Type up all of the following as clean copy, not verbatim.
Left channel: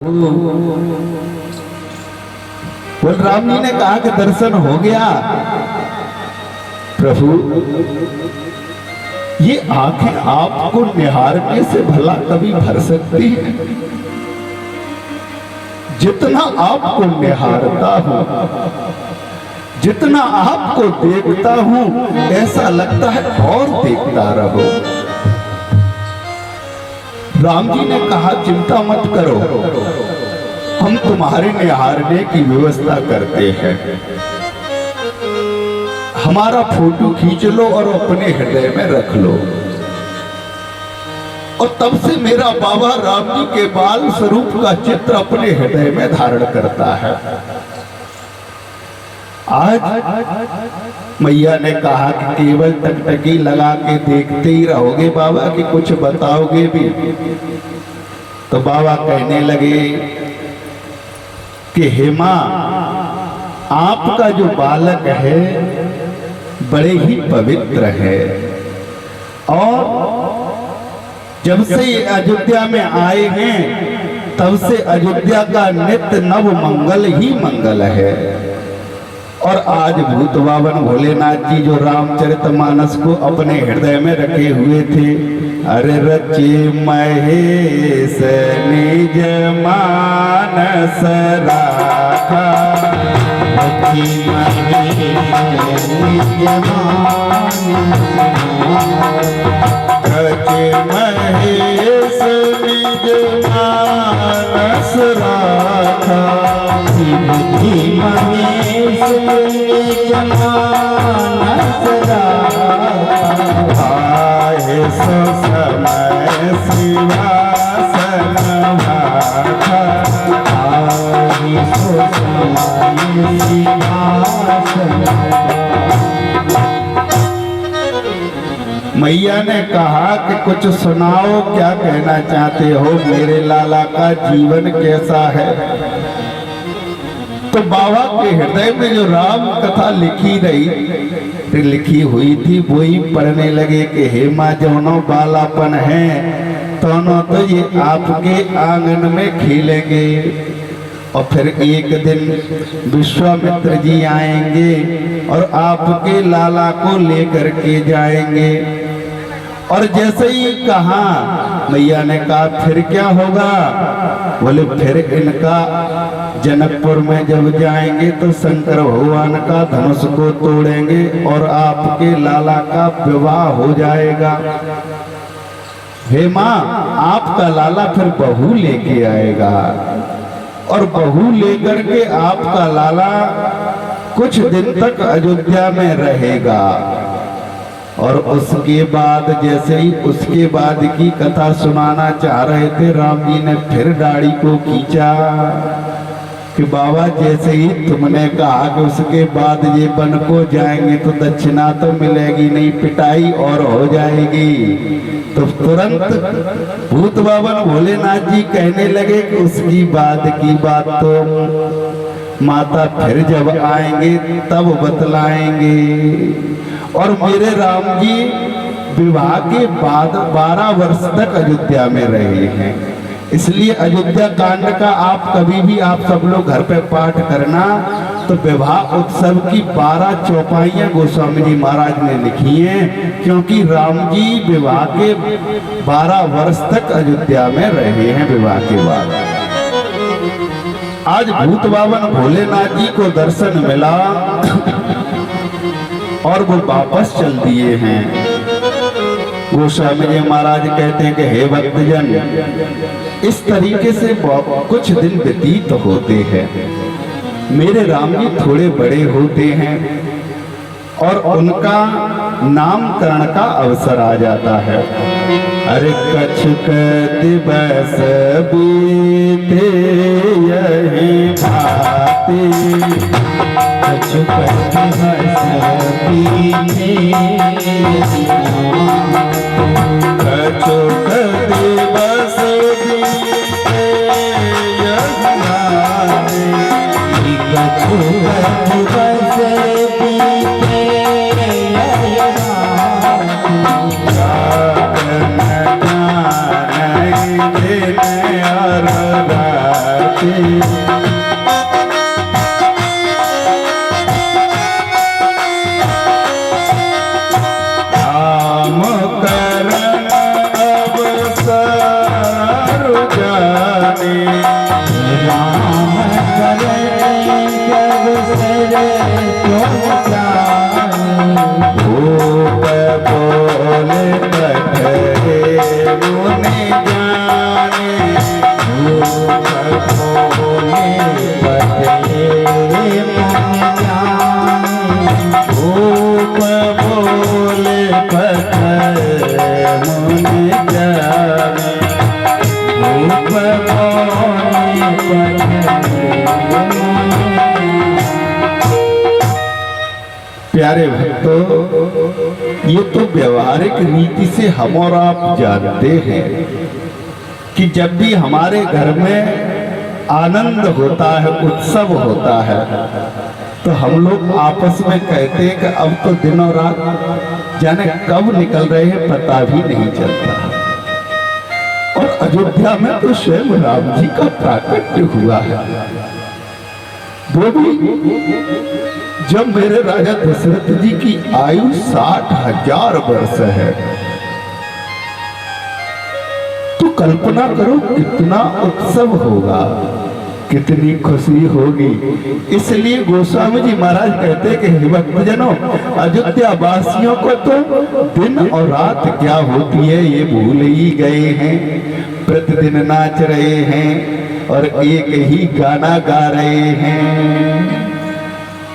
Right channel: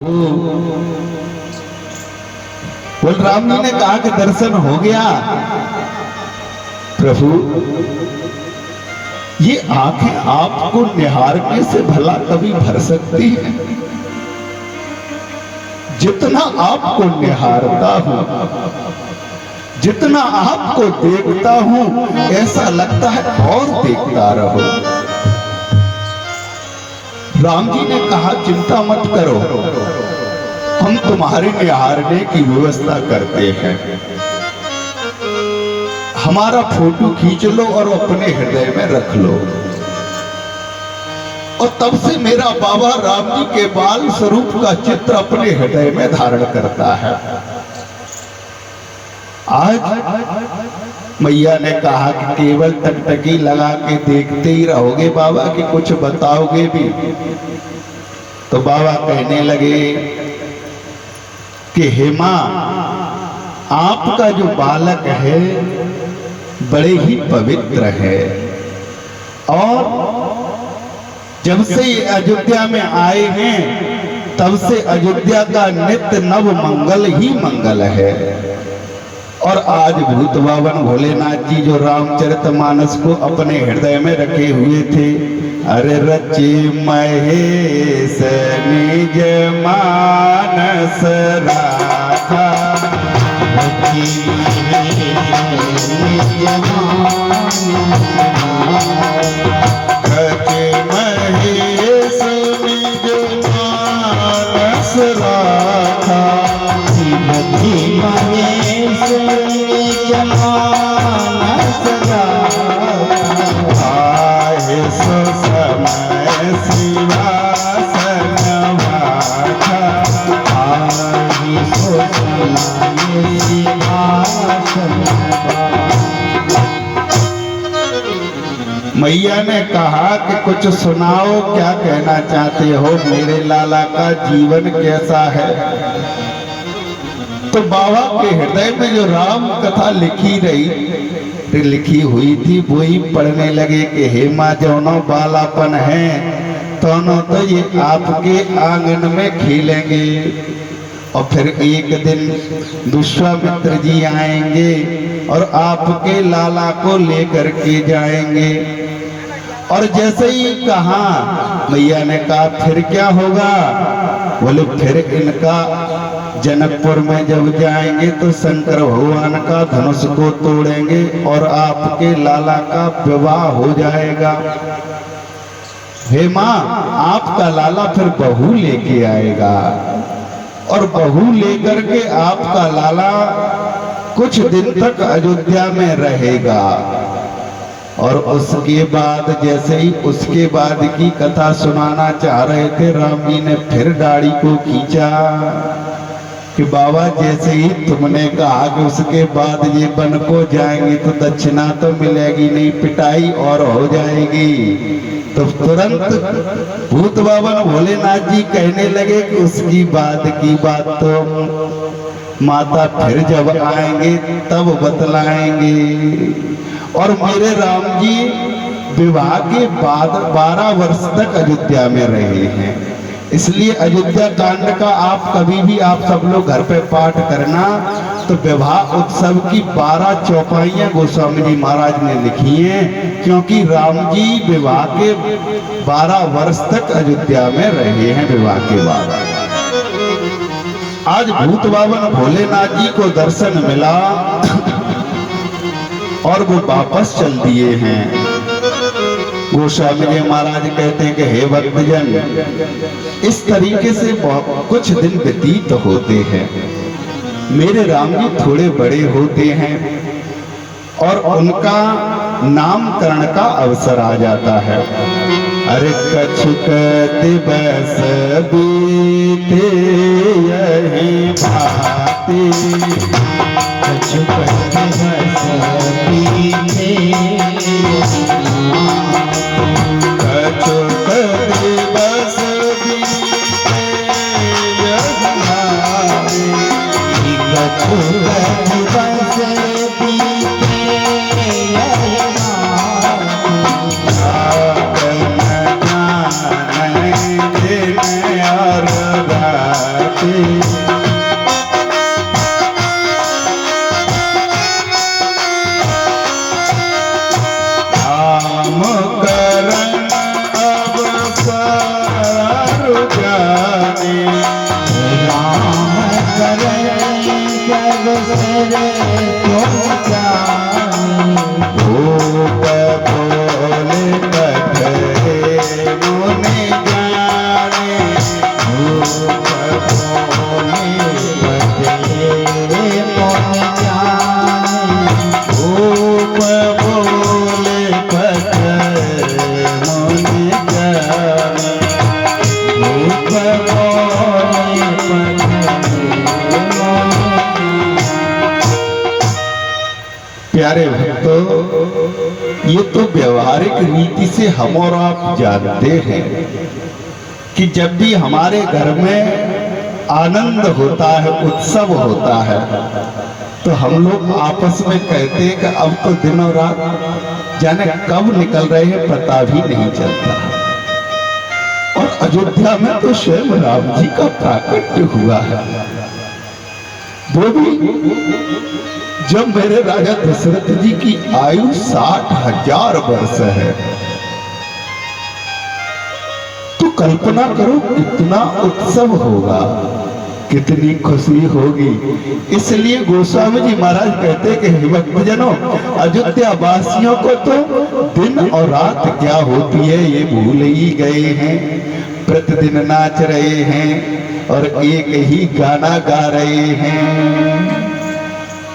बलराम जी ने कहा कि दर्शन हो गया। प्रभु ये आंखें आपको निहारने से भला कभी भर सकती है? जितना आपको निहारता हूं, जितना आपको देखता हूं, ऐसा लगता है और देखता रहो। राम जी ने कहा चिंता मत करो, हम तुम्हारे निहारने की व्यवस्था करते हैं। हमारा फोटो खींच लो और अपने हृदय में रख लो। और तब से मेरा बाबा राम जी के बाल स्वरूप का चित्र अपने हृदय में धारण करता है। आज मैया ने कहा कि केवल टकटकी लगा के देखते ही रहोगे बाबा कि कुछ बताओगे भी? तो बाबा कहने लगे कि हे मां, आपका जो बालक है बड़े ही पवित्र है, और जब से ये अयोध्या में आए हैं तब से अयोध्या का नित्य नव मंगल ही मंगल है। और आज भूत बावन भोलेनाथ जी जो रामचरितमानस को अपने हृदय में रखे हुए थे, अरे रचे महेश निज मानस राखा, रचे महेश निज मानस राखा, आए सो समय शिवासन माथा, आए सो समय शिवासन। मैया ने कहा कि कुछ सुनाओ, क्या कहना चाहते हो? मेरे लाला का जीवन कैसा है? तो बाबा के हृदय में जो राम कथा लिखी हुई थी वो ही पढ़ने लगे कि हे माँ, जौनो बालापन है दोनों तो ये आपके आंगन में खेलेंगे, और फिर एक दिन विश्वामित्र जी आएंगे और आपके लाला को लेकर के जाएंगे। और जैसे ही कहा, मैया ने कहा फिर क्या होगा? बोले फिर इनका जनकपुर में जब जाएंगे तो शंकर भगवान का धनुष को तोड़ेंगे और आपके लाला का विवाह हो जाएगा। हे माँ, आपका लाला फिर बहू लेके आएगा, और बहू लेकर के आपका लाला कुछ दिन तक अयोध्या में रहेगा। और उसके बाद जैसे ही उसके बाद की कथा सुनाना चाह रहे थे, राम जी ने फिर दाढ़ी को खींचा कि बाबा जैसे ही तुमने कहा कि उसके बाद ये वन को जाएंगे तो दक्षिणा तो मिलेगी नहीं, पिटाई और हो जाएगी। तो तुरंत भूत बावन भोलेनाथ जी कहने लगे कि उसकी बाद की बात तो माता फिर जब आएंगे तब बतलाएंगे। और मेरे राम जी विवाह के बाद 12 वर्ष तक अयोध्या में रहे हैं। इसलिए अयोध्या कांड का आप कभी भी आप सब लोग घर पे पाठ करना, तो विवाह उत्सव की 12 चौपाइयां गोस्वामी जी महाराज ने लिखी हैं, क्योंकि राम जी विवाह के 12 वर्ष तक अयोध्या में रहे हैं विवाह के बाद। आज भूत बावन भोलेनाथ जी को दर्शन मिला और वो वापस चल दिए हैं। गोस्वामी जी महाराज कहते हैं कि हे भक्तजन, इस तरीके से कुछ दिन व्यतीत होते हैं। मेरे राम जी थोड़े बड़े होते हैं और उनका नामकरण का अवसर आ जाता है। अरे कछुक दिवस बीते यही भांति, कछुक दिवस बीते कछुक दिवस बीते यही भांति, कछुक दिवस बीते यही भांति, काम करन अब सारु जाने, राम करे जग सरे तुम जाने, भूप बोले पठे मुनि जाने, भूप बोले पठे मुनि जाने, भूप बोले पठे मुनि जाने, भूप बोले पठे मुनि प्यारे भक्तों, ये तो व्यवहारिक रीति से हम और आप जानते हैं कि जब भी हमारे घर में आनंद होता है, उत्सव होता है, तो हम लोग आपस में कहते हैं कि अब तो दिन और रात जाने कब निकल रहे हैं पता भी नहीं चलता। और अयोध्या में तो स्वयं राम जी का प्राकट्य हुआ है। वो भी जब मेरे राजा दशरथ जी की आयु 60,000 वर्ष है, तो कल्पना करो कितना उत्सव होगा, कितनी खुशी होगी। इसलिए गोस्वामी जी महाराज कहते हैं कि हे भक्तजनों, अयोध्या वासियों को तो दिन और रात क्या होती है ये भूल ही गए हैं। प्रतिदिन नाच रहे हैं और एक ही गाना गा रहे हैं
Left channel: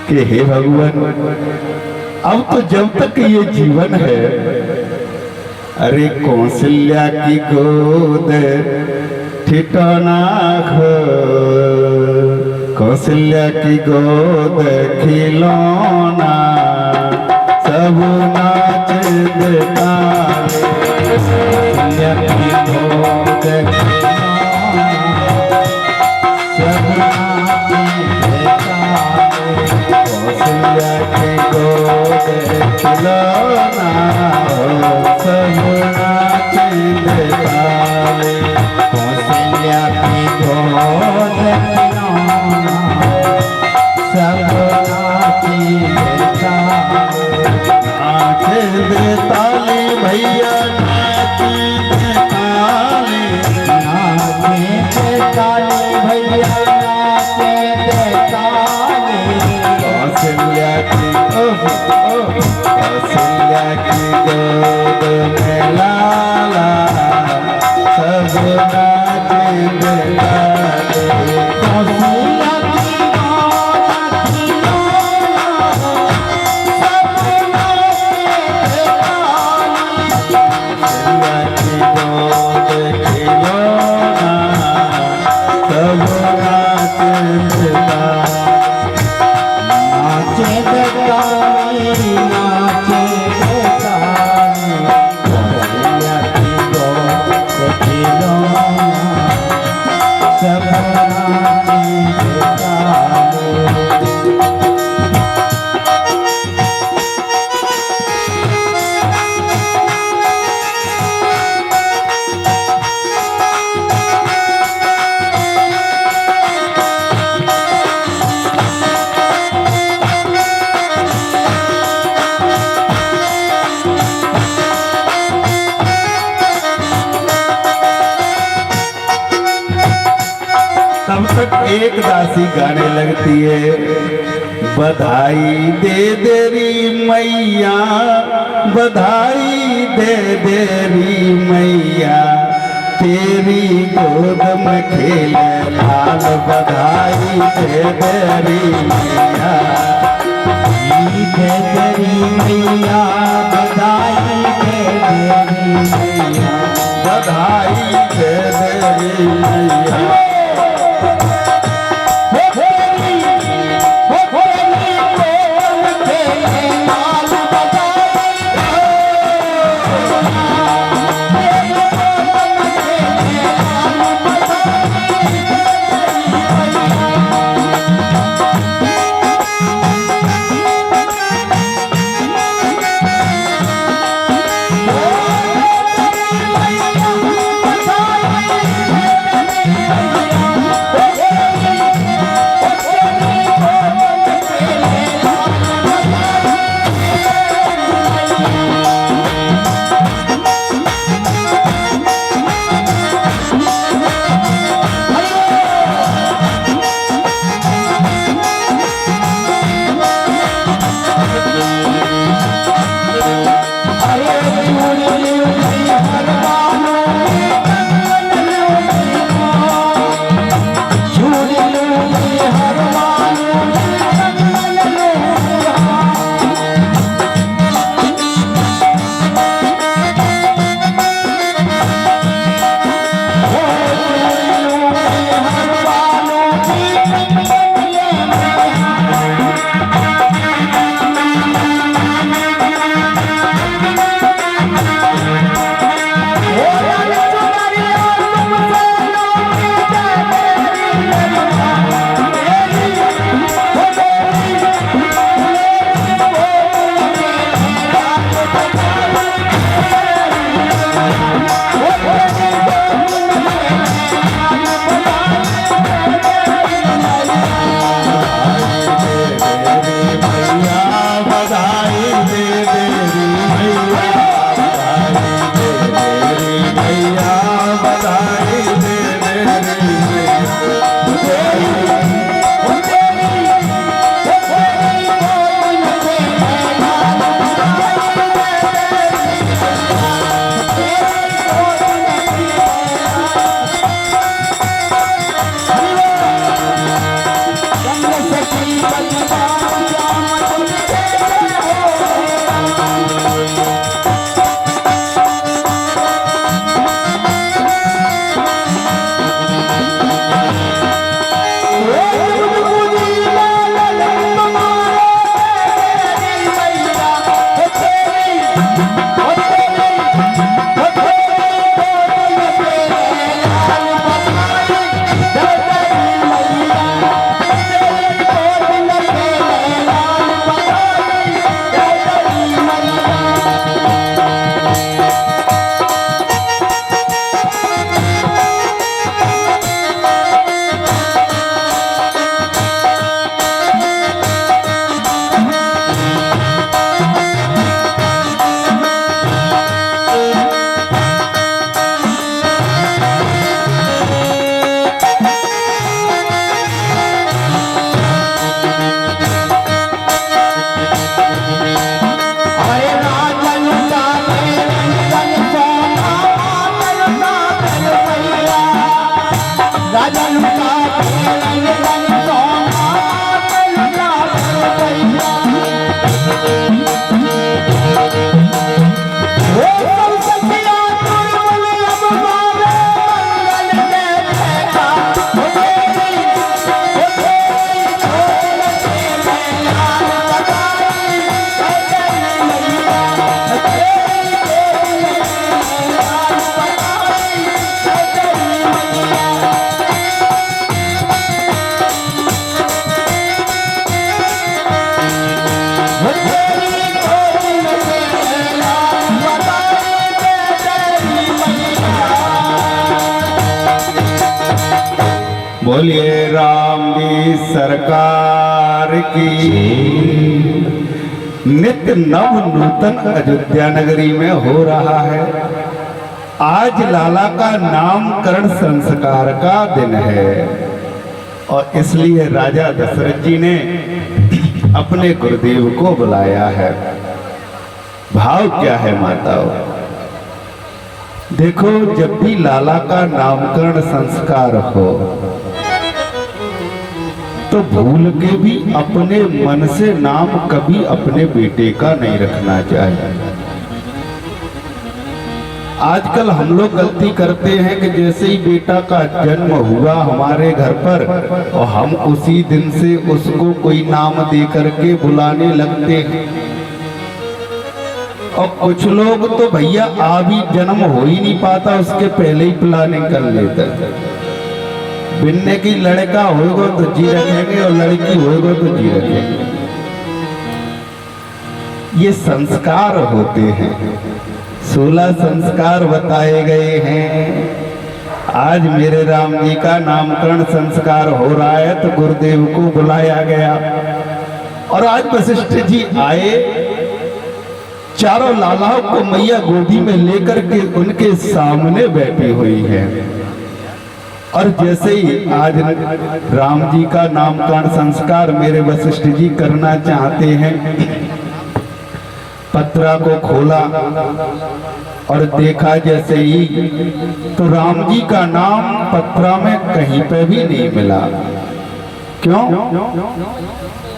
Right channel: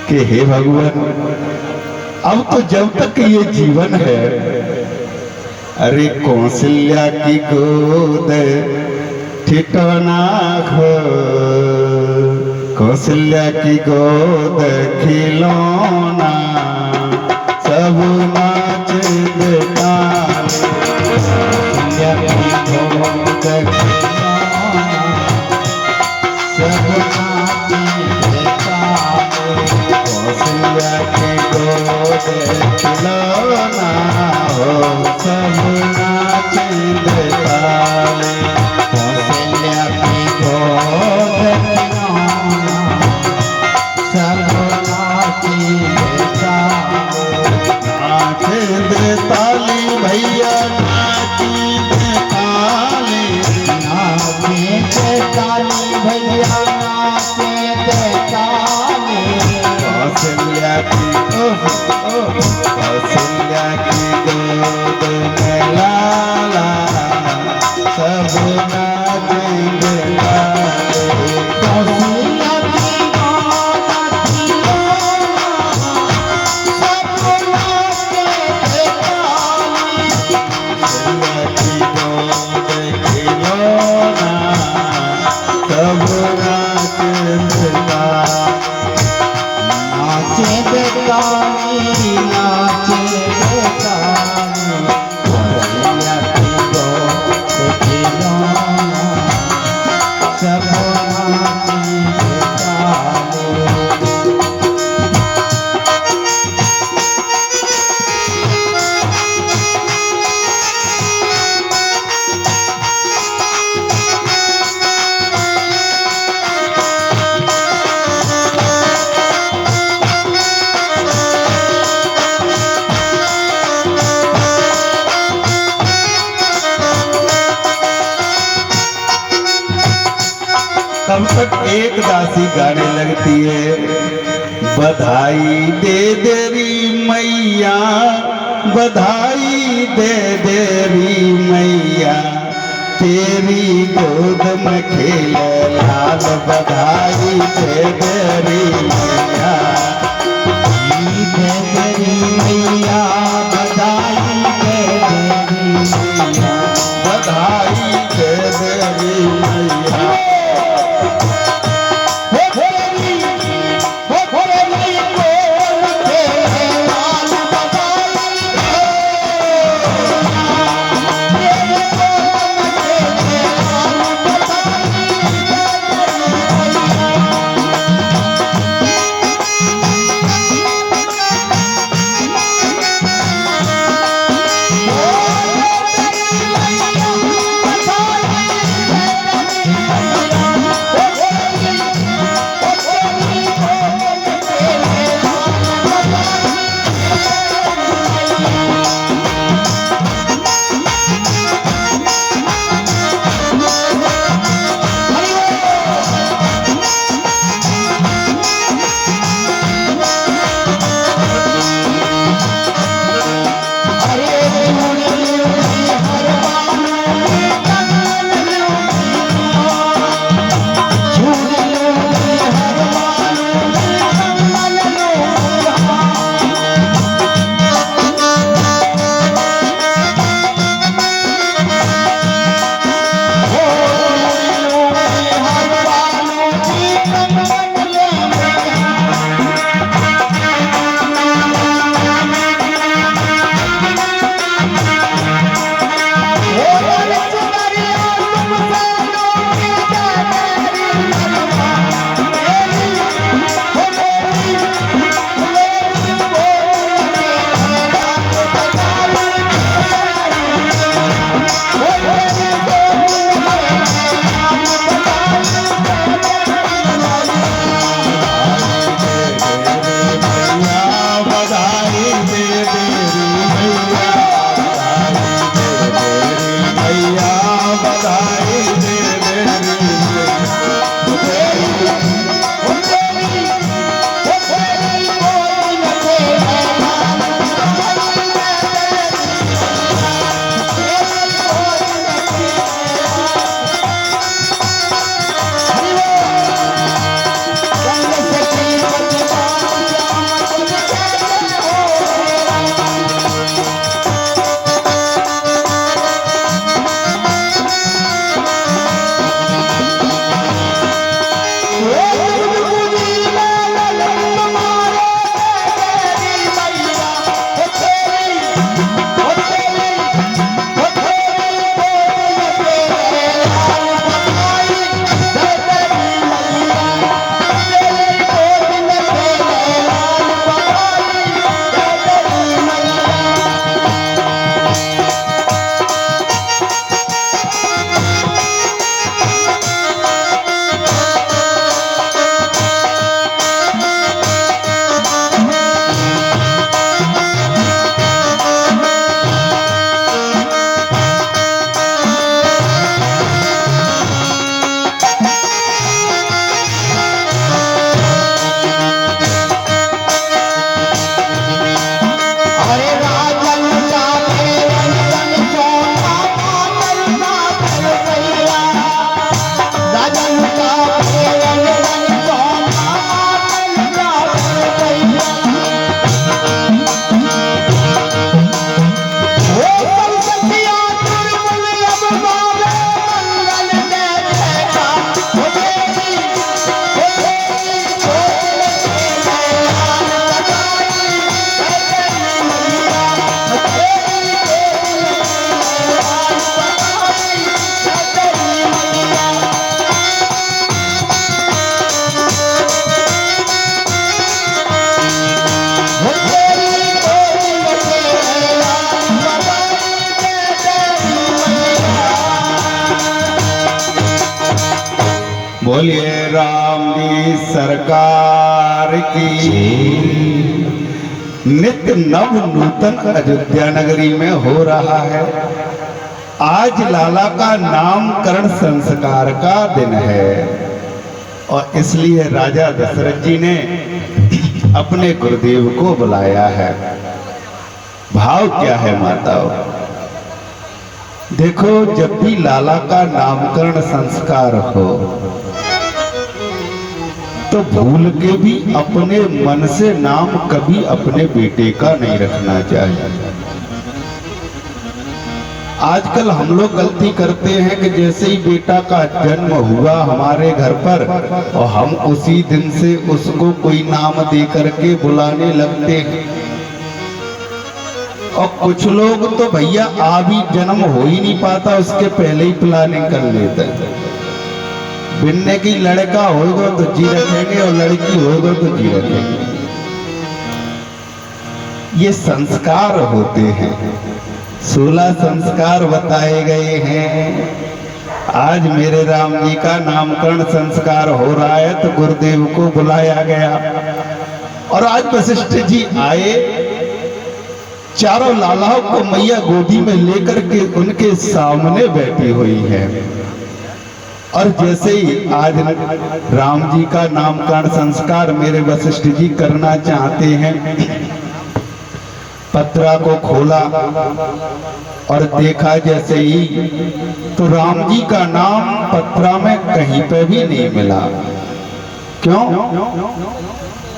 कि हे भगवान, अब तो जब तक ये जीवन है, अरे कौशल्या की गोद ठिकाना खो, कौशल्या की गोद खिलौना सब नाच गाने, कौशल्या की गोद खिलौना सब नाच गाने, कौशल्या की गोद खिलौना सब नाच गाने, कौशल्या की गोद खिलौना सब नाच गाने, नाच दे ताली भैया, नाच दे ताली, नाचे के ताली भैया, नाचे के ताली, कौशल्या की कौशल्या की गोद में लाला सब नाच गाए, कौशल्या की गोद खिलौना सब नाचे ताली, कौशल्या की गोद खिलौना सब नाच गाए। नाचे के ताली, नाचे के ताली, कौशल्या की गोद खिलौना सब नाचे ताली। तब तक एक दासी गाने लगती है, बधाई दे देरी मैया, बधाई दे देरी मैया, तेरी गोद में खेले लाल, बधाई दे देरी मैया, दे तेरी मैया, बधाई दे तेरी मैया, बधाई दे देरी मैया। बोलिए राम जी सरकार की। नित्य नव नूतन अयोध्या नगरी में हो रहा है। आज लाला का नामकरण संस्कार का दिन है और इसलिए राजा दशरथ जी ने अपने गुरुदेव को बुलाया है। भाव क्या है माताओं? देखो, जब भी लाला का नामकरण संस्कार हो तो भूल के भी अपने मन से नाम कभी अपने बेटे का नहीं रखना चाहिए। आजकल हम लोग गलती करते हैं कि जैसे ही बेटा का जन्म हुआ हमारे घर पर और हम उसी दिन से उसको कोई नाम दे करके बुलाने लगते हैं। और कुछ लोग तो भैया अभी जन्म हो ही नहीं पाता उसके पहले ही प्लानिंग कर लेते हैं। बिन्ने की लड़का होगा तो जी रखेंगे और लड़की होगा तो जी रखेंगे। ये संस्कार होते हैं। 16 संस्कार बताए गए हैं। आज मेरे राम जी का नामकरण संस्कार हो रहा है तो गुरुदेव को बुलाया गया और आज वशिष्ठ जी आए। चारों लालाओं को मैया गोदी में लेकर के उनके सामने बैठी हुई है। और जैसे ही आज राम जी का नामकरण संस्कार मेरे वशिष्ठ जी करना चाहते हैं, पत्रा को खोला और देखा जैसे ही तो राम जी का नाम पत्रा में कहीं पे भी नहीं मिला। क्यों?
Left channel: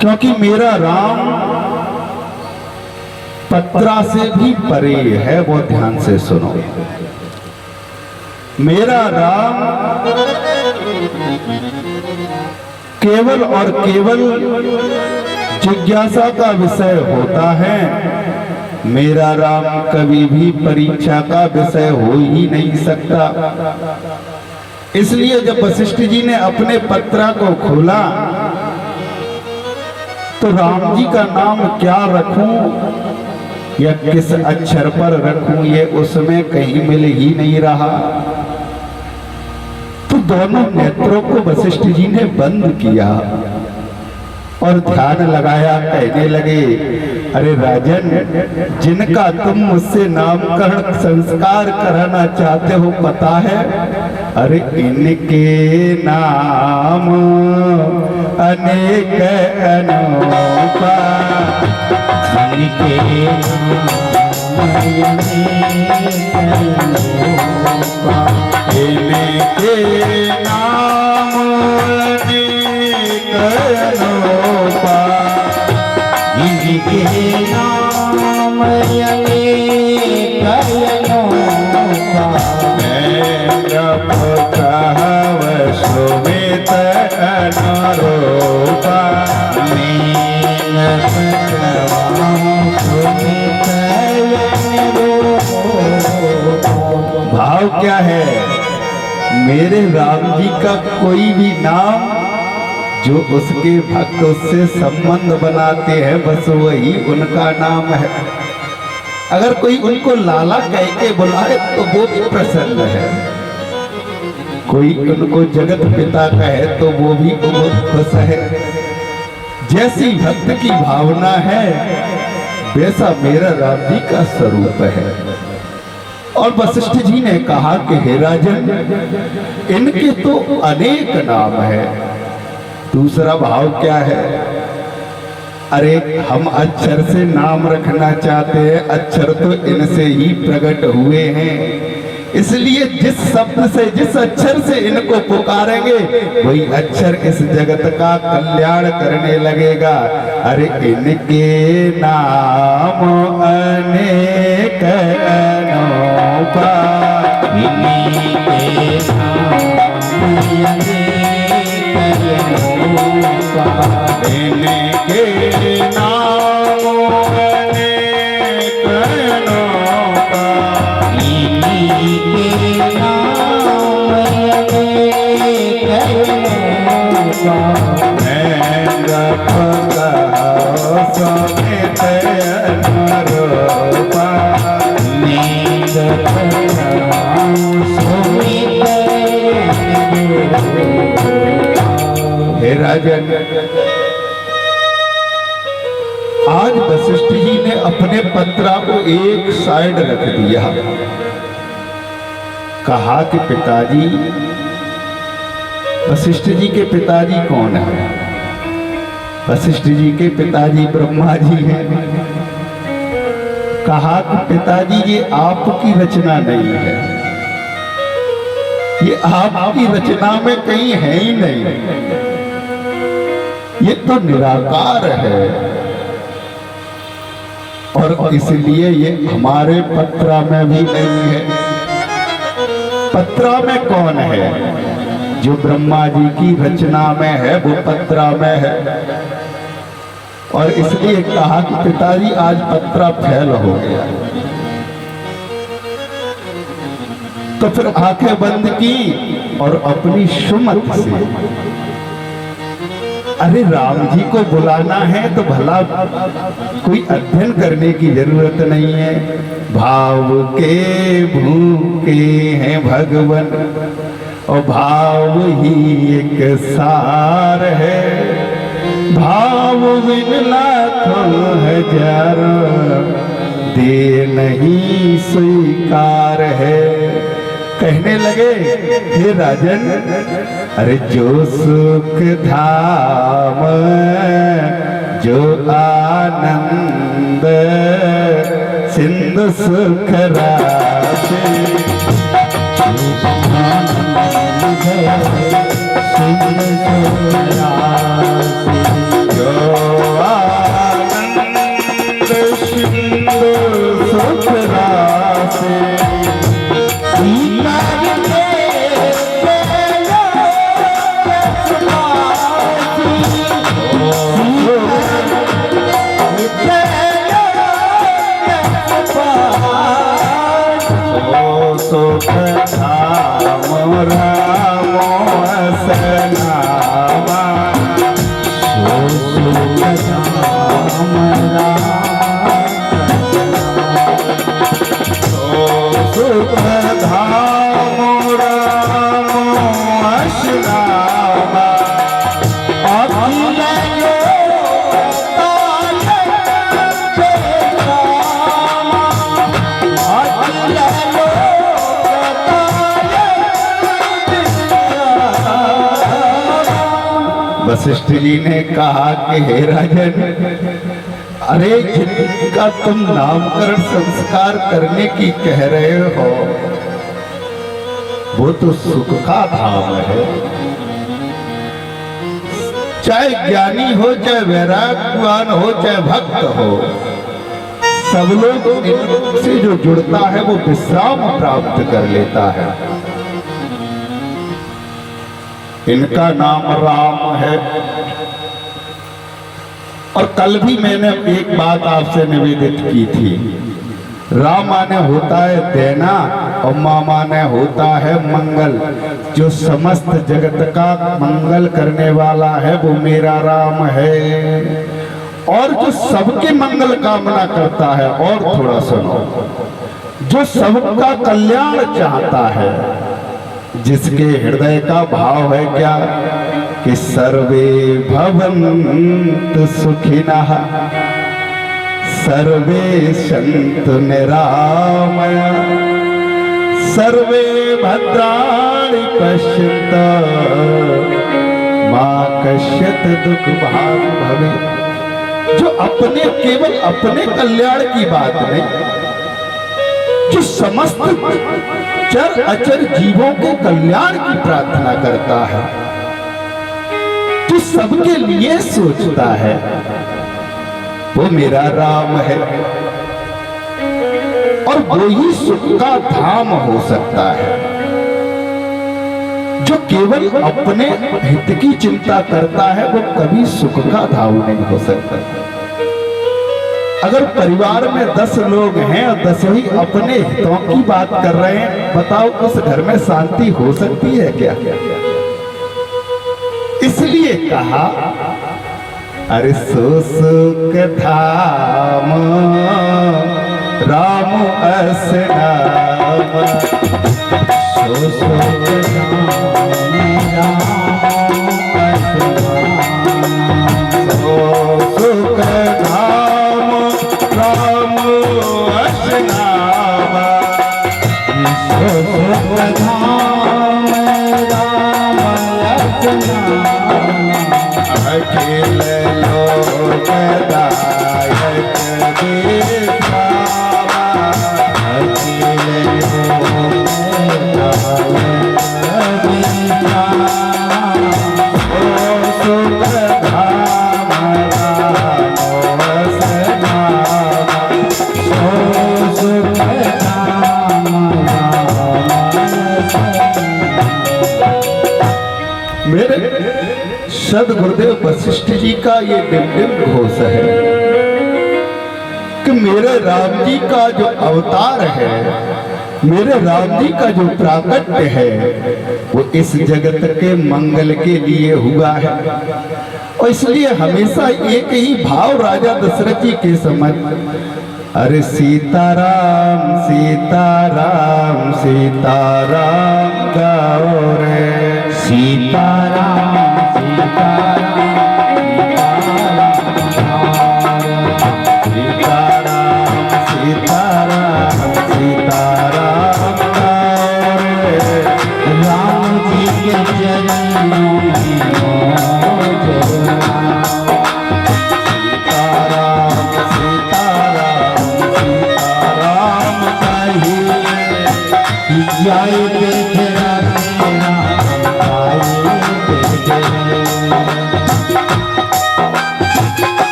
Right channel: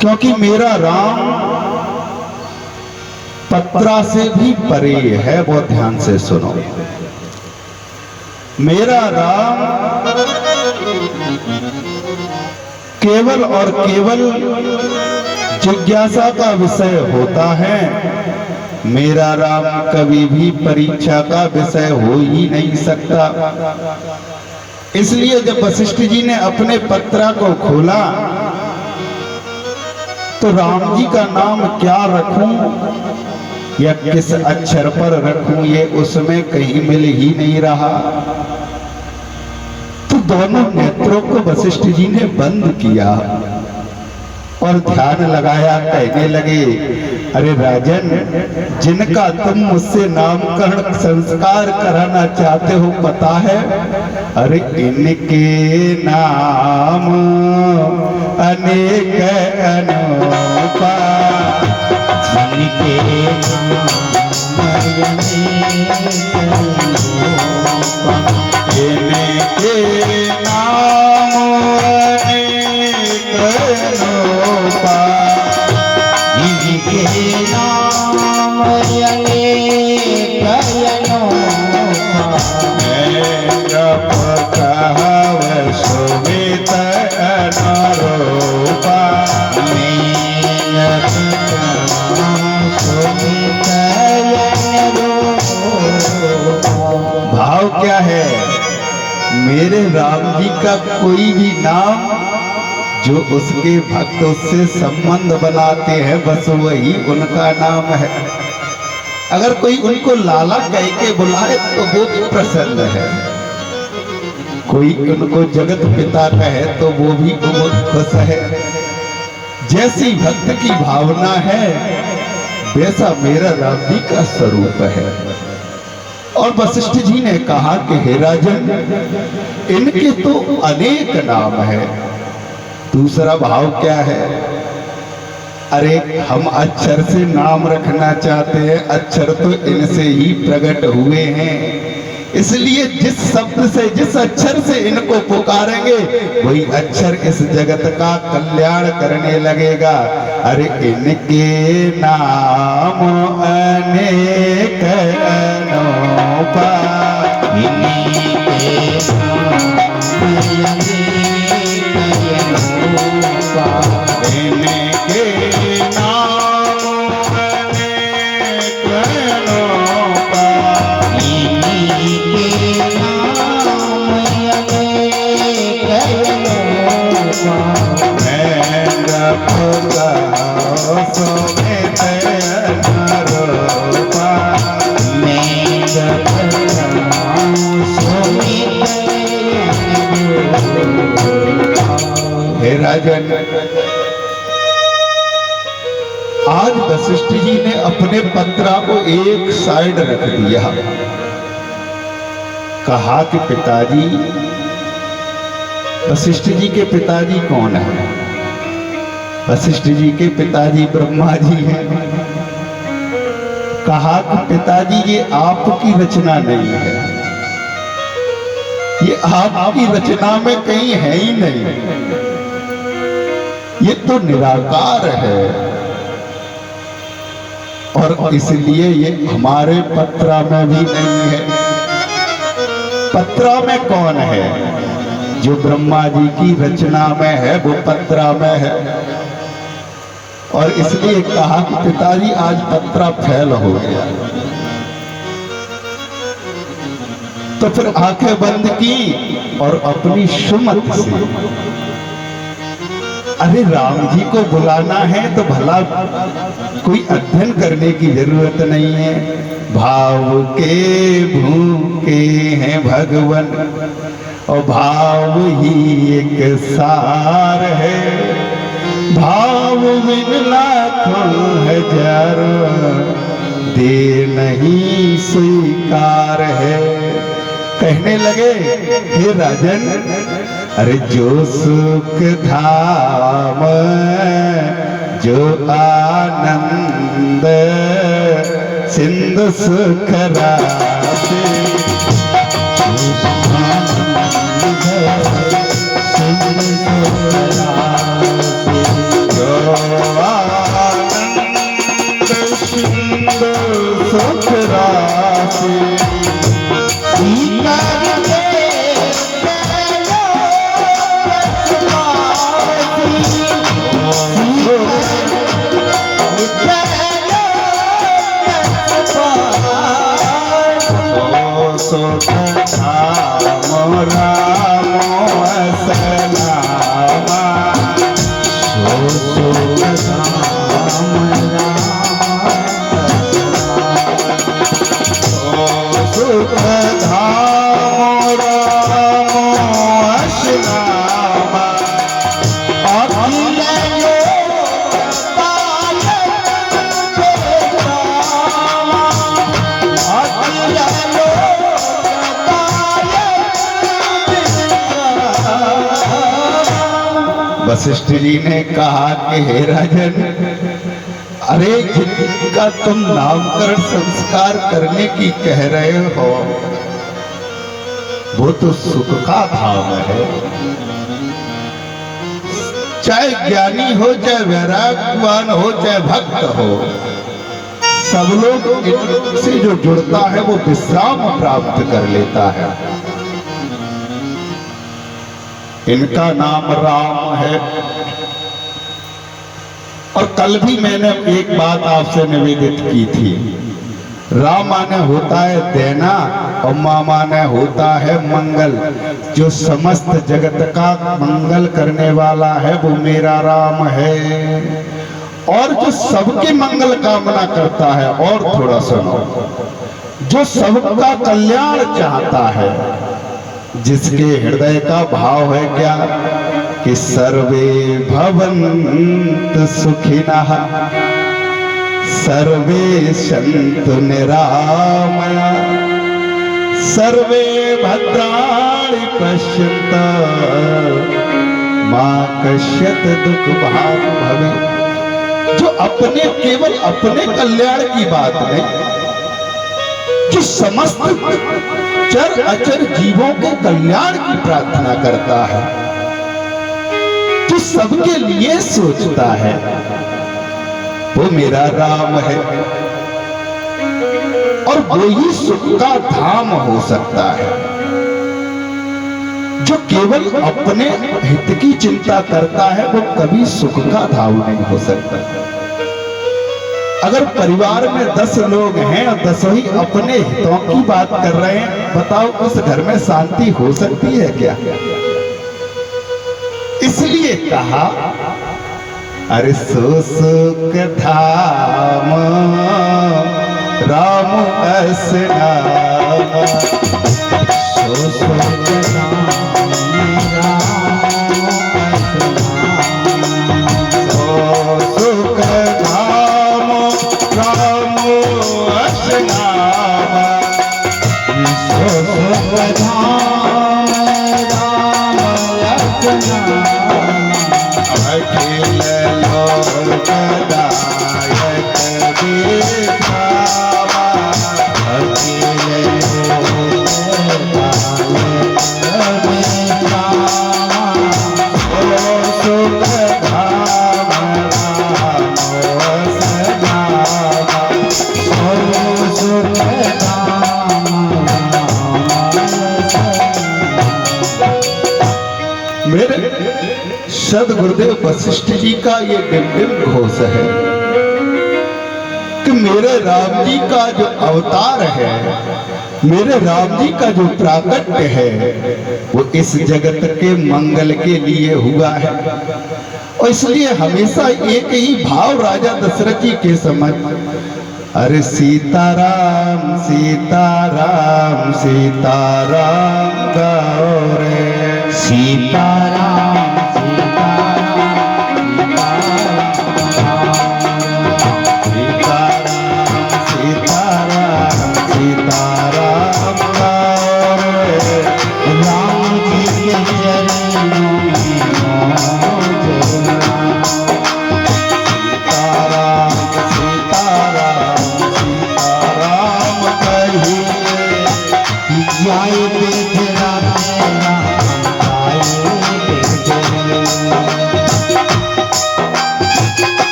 क्योंकि मेरा राम पत्रा से भी परे है। वो ध्यान से सुनो। मेरा राम केवल और केवल जिज्ञासा का विषय होता है। मेरा राम कभी भी परीक्षा का विषय हो ही नहीं सकता। इसलिए जब वशिष्ठ जी ने अपने पत्रा को खोला तो राम जी का नाम क्या रखूं या किस अक्षर पर रखूं, ये उसमें कहीं मिल ही नहीं रहा। तो दोनों नेत्रों को वशिष्ठ जी ने बंद किया और ध्यान लगाया। कहने लगे, अरे राजन, जिनका तुम मुझसे नामकरण संस्कार कराना चाहते हो पता है? अरे इनके नाम अनेक अनूपा, इनके नाम अनेक अनूपा, इनके नाम अनेक अनूपा, इनके नाम अनेक अनूपा, सुमित अनुरूपा, भाव क्या है? मेरे राम जी का कोई भी नाम जो उसके भक्त उससे संबंध बनाते हैं बस वही उनका नाम है। अगर कोई उनको लाला कह के बुलाए तो वो भी प्रसन्न है, कोई उनको जगत पिता कहे तो वो भी बहुत खुश है। जैसी भक्त की भावना है वैसा मेरा राम जी का स्वरूप है। और वशिष्ठ जी ने कहा कि हे राजन, इनके तो अनेक नाम है। दूसरा भाव क्या है? अरे हम अक्षर से नाम रखना चाहते हैं, अक्षर तो इनसे ही प्रकट हुए हैं, इसलिए जिस शब्द से जिस अक्षर से इनको पुकारेंगे वही अक्षर इस जगत का कल्याण करने लगेगा। अरे इनके नाम अनेक अनूपा, इनके नाम अनेक अनूपा, इनके नाम अनेक अनूपा, इनके नाम अनेक अनूपा, मैं जपगा सुमित अनुरूपा, मैं जपगा सुमित अनुरूपा। हे राजन, आज वशिष्ठ जी ने अपने पत्रा को एक साइड रख दिया। कहा कि पिताजी, वशिष्ठ जी के पिताजी कौन है? वशिष्ठ जी के पिताजी ब्रह्मा जी हैं। कहा कि पिताजी ये आपकी रचना नहीं है, ये आपकी रचना में कहीं है ही नहीं, ये तो निराकार है और इसलिए ये हमारे पत्रा में भी नहीं है। पत्रा में कौन है? जो ब्रह्मा जी की रचना में है वो पत्रा में है। और इसलिए कहा कि पिताजी आज पत्रा फैल हो गया। तो फिर आंखें बंद की और अपनी सुमत से, अरे राम जी को बुलाना है तो भला कोई अध्ययन करने की जरूरत नहीं है। भाव के भूखे हैं भगवान और भाव ही एक सार है, भाव बिन लाखों हजार दे नहीं स्वीकार है। कहने लगे, हे राजन, अरे जो सुख धाम जो आनंद सिंधु सुख राशि, जो आनंद सिंधु सुख राशि, सुख धाम राम वशिष्ठ जी ने कहा कि हे राजन, अरे जिनका तुम नामकरण संस्कार करने की कह रहे हो वो तो सुख का धाम है। चाहे ज्ञानी हो, चाहे वैराग्यवान हो, चाहे भक्त हो, सब लोग इनसे जो जुड़ता है वो विश्राम प्राप्त कर लेता है। इनका नाम राम है। और कल भी मैंने एक बात आपसे निवेदित की थी, राम माने होता है देना और माँ माने होता है मंगल। जो समस्त जगत का मंगल करने वाला है वो मेरा राम है। और जो सबके मंगल कामना करता है, और थोड़ा सुनो, जो सबका कल्याण चाहता है, जिसके हृदय का भाव है क्या कि सर्वे भवन्तु सुखिनः सर्वे सन्तु निरामया सर्वे भद्राणि पश्यन्तु मा कश्चित् दुःख भाग् भवेत्। जो अपने केवल अपने कल्याण की बात नहीं, जो समस्त चर अचर जीवों के कल्याण की प्रार्थना करता है, जो सबके लिए सोचता है, वो मेरा राम है। और वो ही सुख का धाम हो सकता है। जो केवल अपने हित की चिंता करता है वो कभी सुख का धाम नहीं हो सकता। अगर परिवार में 10 लोग हैं और 10 ही अपने हितों की बात कर रहे हैं, बताओ उस घर में शांति हो सकती है क्या? इसलिए कहा, अरे सो सुख धाम राम अस नाम, सो सुख धाम राम अस नाम, सो सुख धाम राम अस नाम, सो सुख धाम राम अस नाम, अखिल लोकदायक दिखावा, अखिल लोकदायक दिखावा, ओ सुख धाम राम अस नाम, सो सुख धाम राम अस नाम। मेरे सदगुरुदेव वशिष्ठ जी का ये दिव्य घोष है कि मेरे राम जी का जो अवतार है, मेरे राम जी का जो प्राकट्य है, वो इस जगत के मंगल के लिए हुआ है। और इसलिए हमेशा एक ही भाव राजा दशरथ जी के समय, अरे सीताराम सीताराम सीताराम गाओ रे, सीताराम सीताराम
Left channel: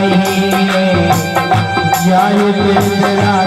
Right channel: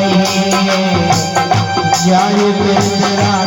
कहिए जय तेरा